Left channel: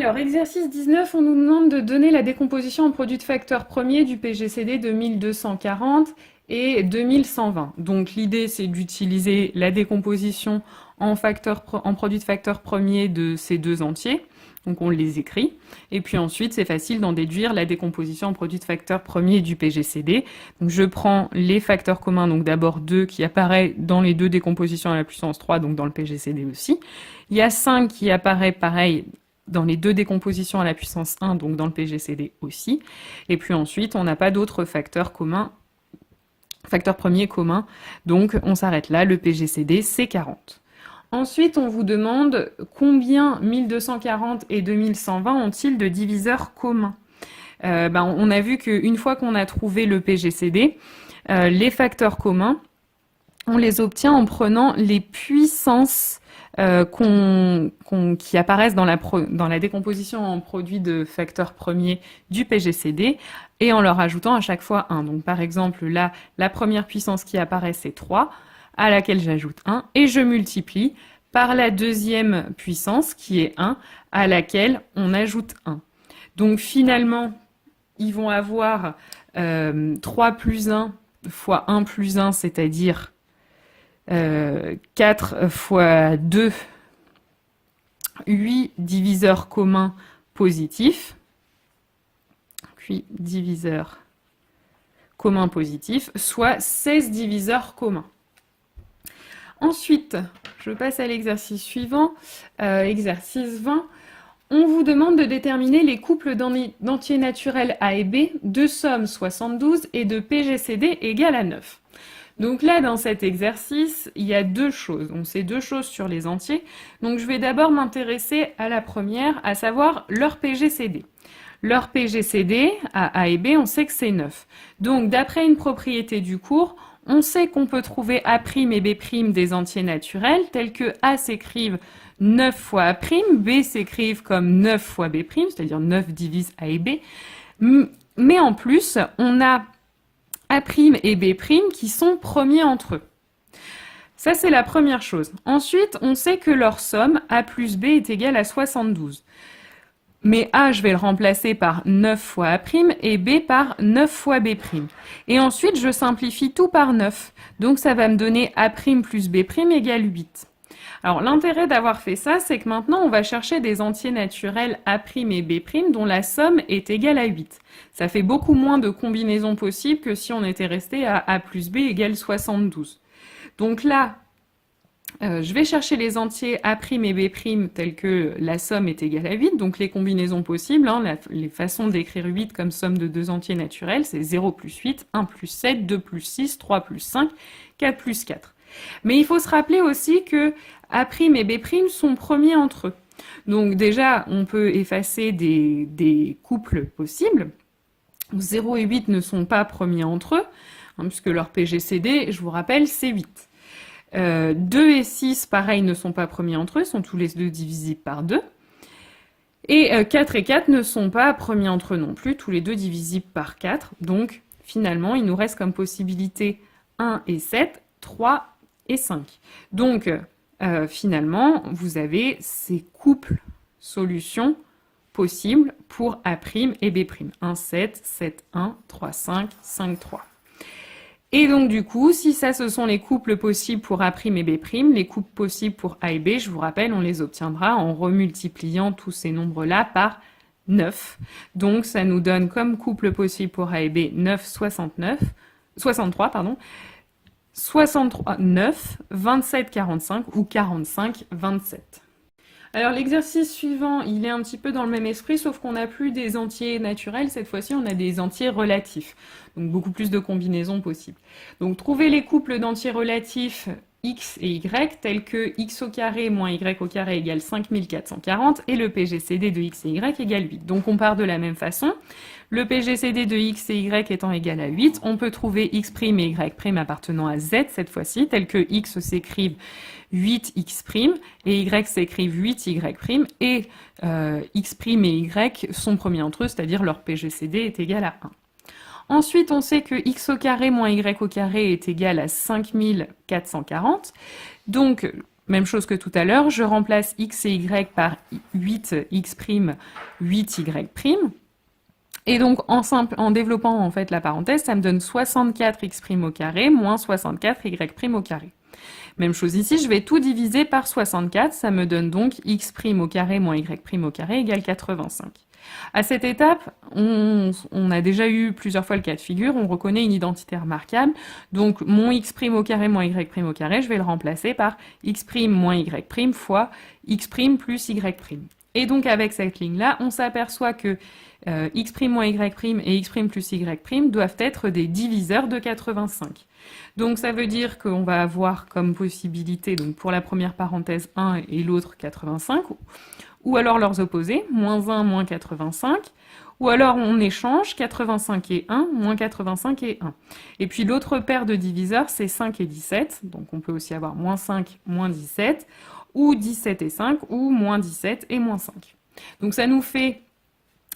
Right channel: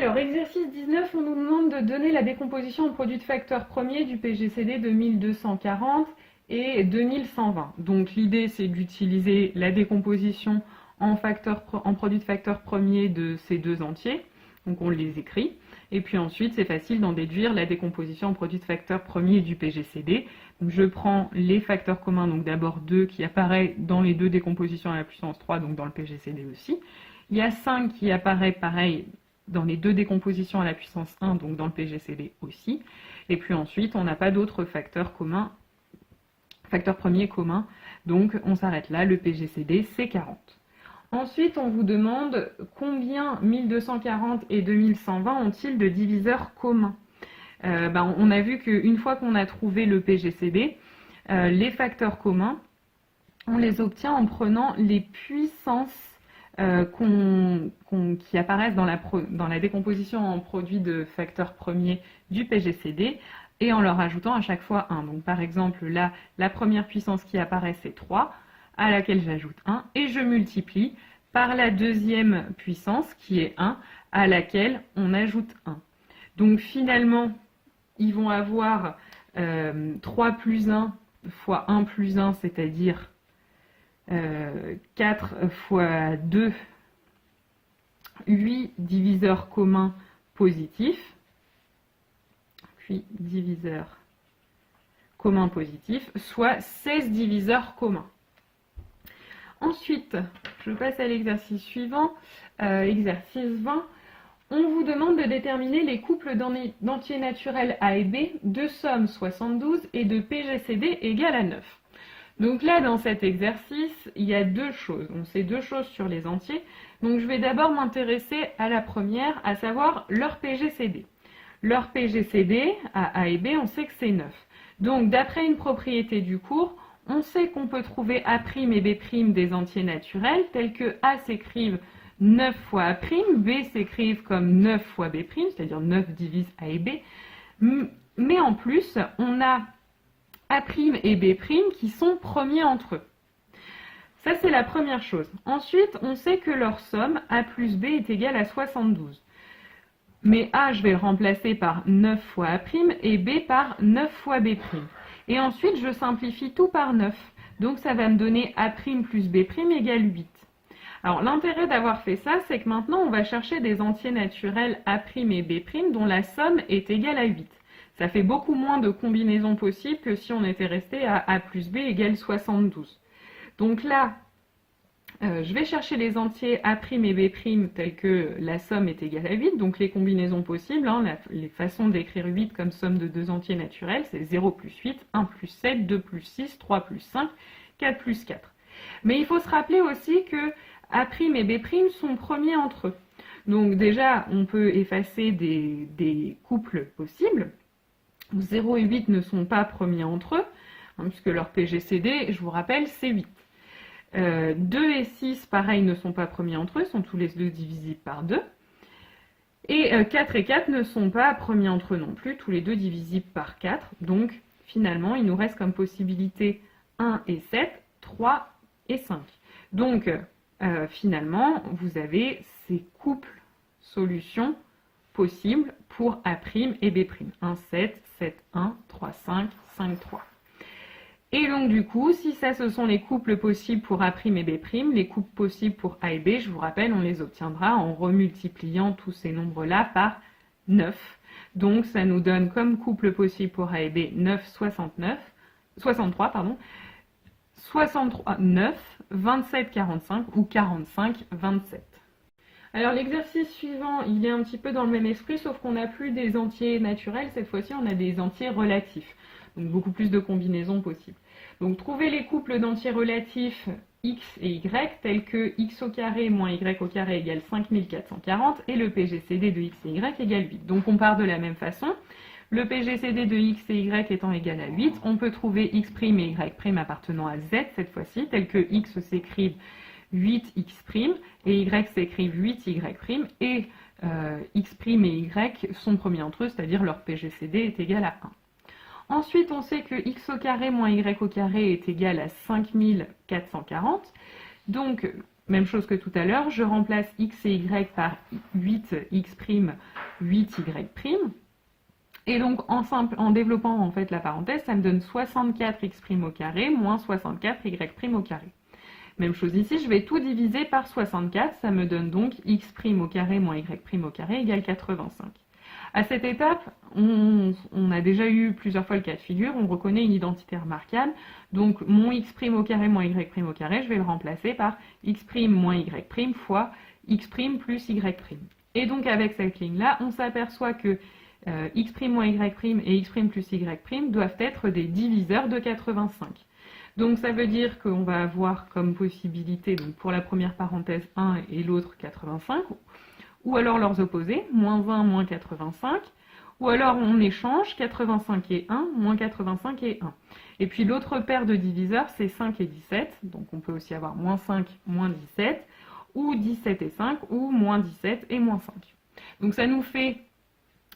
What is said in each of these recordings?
Alors, exercice 19, on nous demande de donner la décomposition en produit de facteur premier du PGCD de 1240 et 2120. Donc, l'idée, c'est d'utiliser la décomposition en produit de facteur premier de ces deux entiers. Donc, on les écrit. Et puis ensuite, c'est facile d'en déduire la décomposition en produit de facteur premier du PGCD. Donc, je prends les facteurs communs, donc d'abord 2 qui apparaît dans les deux décompositions à la puissance 3, donc dans le PGCD aussi. Il y a 5 qui apparaît pareil dans les deux décompositions à la puissance 1, donc dans le PGCD aussi. Et puis ensuite, on n'a pas d'autres facteurs communs, facteurs premiers communs, donc on s'arrête là, le PGCD c'est 40. Ensuite, on vous demande combien 1240 et 2120 ont-ils de diviseurs communs. On a vu qu'une fois qu'on a trouvé le PGCD, les facteurs communs, on les obtient en prenant les puissances qui apparaissent dans la décomposition en produit de facteurs premiers du PGCD et en leur ajoutant à chaque fois 1. Donc par exemple, là, la première puissance qui apparaît, c'est 3, à laquelle j'ajoute 1, et je multiplie par la deuxième puissance qui est 1, à laquelle on ajoute 1. Donc finalement, ils vont avoir 3 plus 1 fois 1 plus 1, c'est-à-dire 4 fois 2, 8 diviseurs communs positifs, puis diviseurs communs positifs, soit 16 diviseurs communs. Ensuite, je passe à l'exercice suivant, exercice 20. On vous demande de déterminer les couples d'entiers naturels A et B de somme 72 et de PGCD égale à 9. Donc là, dans cet exercice, il y a deux choses. Donc c'est deux choses sur les entiers. Donc je vais d'abord m'intéresser à la première, à savoir leur PGCD. Leur PGCD, à A et B, on sait que c'est 9. Donc d'après une propriété du cours, on sait qu'on peut trouver A' et B' des entiers naturels, tels que A s'écrivent 9 fois A', B s'écrivent comme 9 fois B', c'est-à-dire 9 divise A et B. Mais en plus, on a A' et B' qui sont premiers entre eux. Ça, c'est la première chose. Ensuite, on sait que leur somme, A plus B, est égale à 72. Mais A, je vais le remplacer par 9 fois A' et B par 9 fois B'. Et ensuite, je simplifie tout par 9. Donc, ça va me donner A' plus B' égale 8. Alors, l'intérêt d'avoir fait ça, c'est que maintenant, on va chercher des entiers naturels A' et B' dont la somme est égale à 8. Ça fait beaucoup moins de combinaisons possibles que si on était resté à A plus B égale 72. Donc là, je vais chercher les entiers A' et B' tels que la somme est égale à 8, donc les combinaisons possibles, les façons d'écrire 8 comme somme de deux entiers naturels, c'est 0 plus 8, 1 plus 7, 2 plus 6, 3 plus 5, 4 plus 4. Mais il faut se rappeler aussi que A' et B' sont premiers entre eux. Donc déjà, on peut effacer des couples possibles. 0 et 8 ne sont pas premiers entre eux, puisque leur PGCD, je vous rappelle, c'est 8. 2 et 6, pareil, ne sont pas premiers entre eux, sont tous les deux divisibles par 2. Et 4 et 4 ne sont pas premiers entre eux non plus, tous les deux divisibles par 4. Donc, finalement, il nous reste comme possibilité 1 et 7, 3 et 5. Donc, finalement, vous avez ces couples solutions possibles pour A' et B'. 1, 7, 7, 1, 3, 5, 5, 3. Et donc du coup, si ça ce sont les couples possibles pour A' et B', les couples possibles pour A et B, je vous rappelle, on les obtiendra en remultipliant tous ces nombres-là par 9. Donc ça nous donne comme couple possible pour A et B 9, 63, 63, 9, 27, 45 ou 45, 27. Alors l'exercice suivant, il est un petit peu dans le même esprit, sauf qu'on n'a plus des entiers naturels, cette fois-ci on a des entiers relatifs, donc beaucoup plus de combinaisons possibles. Donc trouver les couples d'entiers relatifs x et y, tels que x au carré moins y au carré égale 5440, et le PGCD de x et y égale 8. Donc on part de la même façon. Le PGCD de x et y étant égal à 8, on peut trouver x' et y' appartenant à z cette fois-ci, tels que x s'écrivent 8x' et y s'écrivent 8y', et x' et y sont premiers entre eux, c'est-à-dire leur PGCD est égal à 1. Ensuite, on sait que x au carré moins y au carré est égal à 5440. Donc, Même chose que tout à l'heure, je remplace x et y par 8x', 8y'. Et donc, en développant en fait la parenthèse, ça me donne 64x' au carré moins 64y' au carré. Même chose ici, je vais tout diviser par 64, ça me donne donc x' au carré moins y' au carré égale 85. À cette étape, on a déjà eu plusieurs fois le cas de figure, on reconnaît une identité remarquable, donc mon x' au carré moins y' au carré, je vais le remplacer par x' moins y' fois x' plus y'. Et donc avec cette ligne-là, on s'aperçoit que x' moins y' et x' plus y' doivent être des diviseurs de 85. Donc ça veut dire qu'on va avoir comme possibilité, donc pour la première parenthèse 1 et l'autre 85, ou alors leurs opposés, moins 1, moins 85, ou alors on échange 85 et 1, moins 85 et 1. Et puis l'autre paire de diviseurs, c'est 5 et 17, donc on peut aussi avoir moins 5, moins 17, ou 17 et 5, ou moins 17 et moins 5. Donc ça nous fait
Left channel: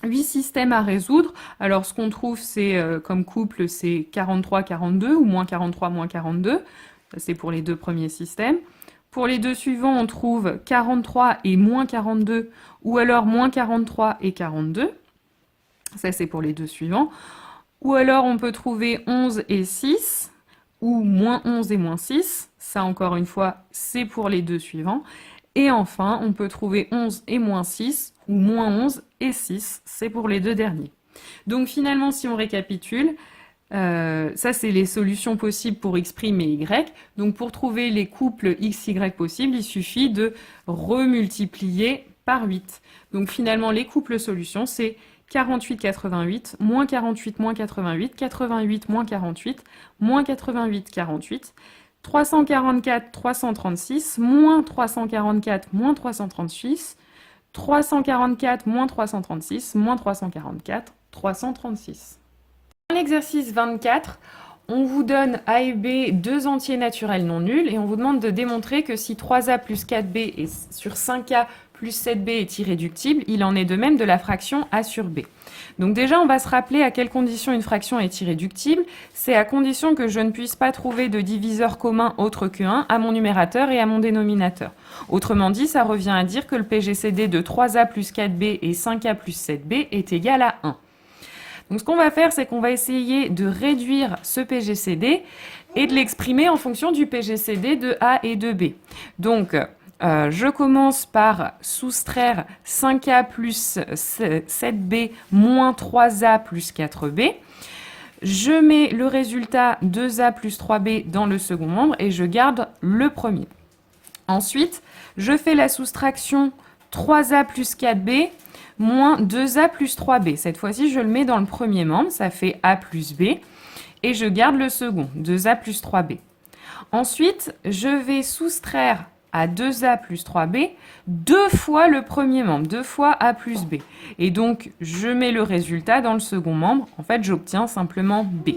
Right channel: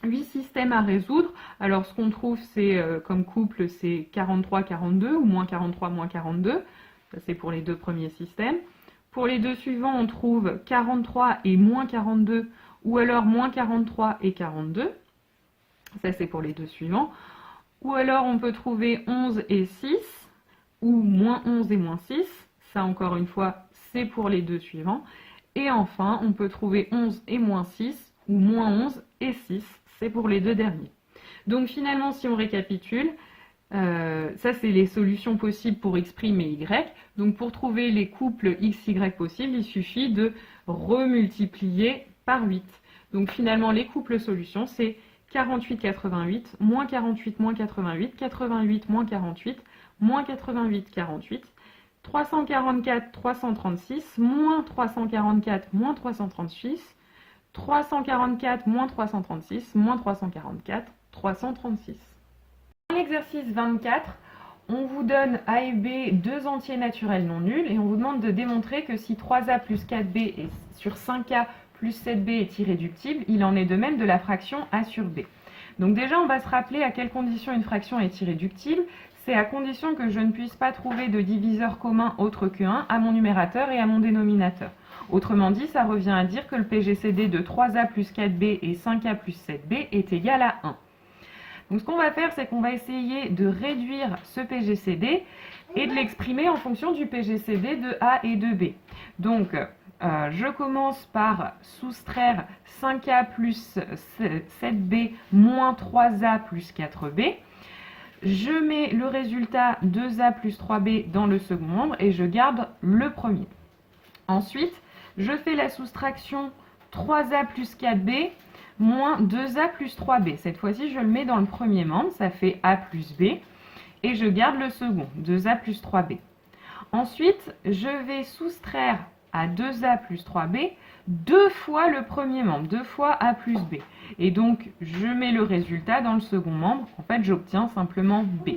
8 systèmes à résoudre. Alors ce qu'on trouve c'est comme couple, c'est 43, 42, ou moins 43, moins 42. Ça c'est pour les deux premiers systèmes. Pour les deux suivants, on trouve 43 et moins 42, ou alors moins 43 et 42. Ça, c'est pour les deux suivants. Ou alors, on peut trouver 11 et 6, ou moins 11 et moins 6. Ça, encore une fois, c'est pour les deux suivants. Et enfin, on peut trouver 11 et moins 6, ou moins 11 et 6. C'est pour les deux derniers. Donc finalement, si on récapitule, ça, c'est les solutions possibles pour x' et y. Donc, pour trouver les couples x, y possibles, il suffit de remultiplier par 8. Donc, finalement, les couples solutions, c'est 48, 88, moins 48, moins 88, 88, moins 48, moins 88, 48, 344, 336, moins 344, moins 336, 344, moins 336, moins 344, 336. Dans l'exercice 24, on vous donne A et B deux entiers naturels non nuls et on vous demande de démontrer que si 3A plus 4B est sur 5A plus 7B est irréductible, il en est de même de la fraction A sur B. Donc déjà, on va se rappeler à quelles conditions une fraction est irréductible. C'est à condition que je ne puisse pas trouver de diviseur commun autre que 1 à mon numérateur et à mon dénominateur. Autrement dit, ça revient à dire que le PGCD de 3A plus 4B et 5A plus 7B est égal à 1. Donc ce qu'on va faire, c'est qu'on va essayer de réduire ce PGCD et de l'exprimer en fonction du PGCD de A et de B. Donc, je commence par soustraire 5A plus 7B moins 3A plus 4B. Je mets le résultat 2A plus 3B dans le second membre et je garde le premier. Ensuite, je fais la soustraction 3A plus 4B moins 2A plus 3B. Cette fois-ci, je le mets dans le premier membre, ça fait A plus B, et je garde le second, 2A plus 3B. Ensuite, je vais soustraire à 2A plus 3B deux fois le premier membre, deux fois A plus B. Et donc, je mets le résultat dans le second membre. En fait, j'obtiens simplement B.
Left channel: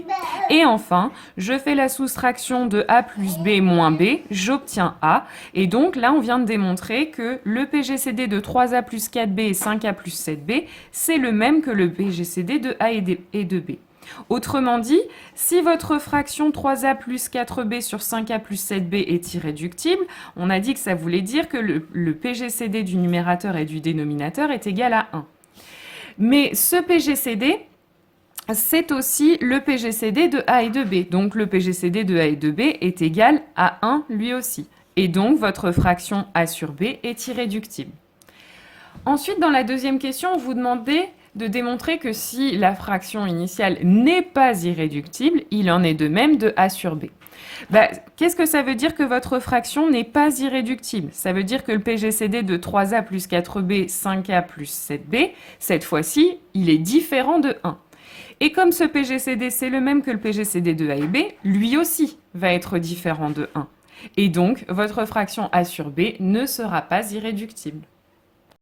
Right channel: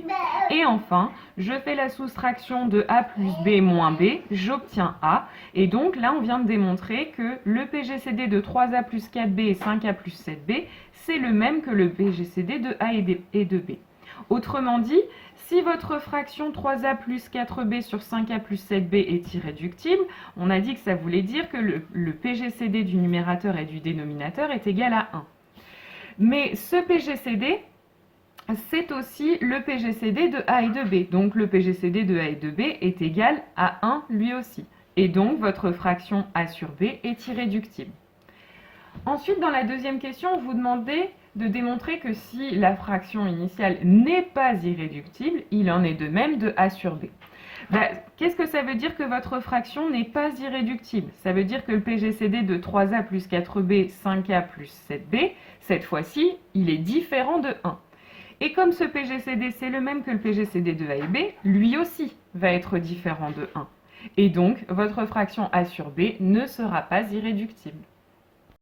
Et enfin, je fais la soustraction de A plus B moins B, j'obtiens A. Et donc, là, on vient de démontrer que le PGCD de 3A plus 4B et 5A plus 7B, c'est le même que le PGCD de A et de B. Autrement dit, si votre fraction 3A plus 4B sur 5A plus 7B est irréductible, on a dit que ça voulait dire que le PGCD du numérateur et du dénominateur est égal à 1. Mais ce PGCD, c'est aussi le PGCD de A et de B. Donc le PGCD de A et de B est égal à 1 lui aussi. Et donc votre fraction A sur B est irréductible. Ensuite, dans la deuxième question, on vous demandait de démontrer que si la fraction initiale n'est pas irréductible, il en est de même de A sur B. Qu'est-ce que ça veut dire que votre fraction n'est pas irréductible? Ça veut dire que le PGCD de 3A plus 4B, 5A plus 7B, cette fois-ci, il est différent de 1. Et comme ce PGCD, c'est le même que le PGCD de A et B, lui aussi va être différent de 1. Et donc, votre fraction A sur B ne sera pas irréductible.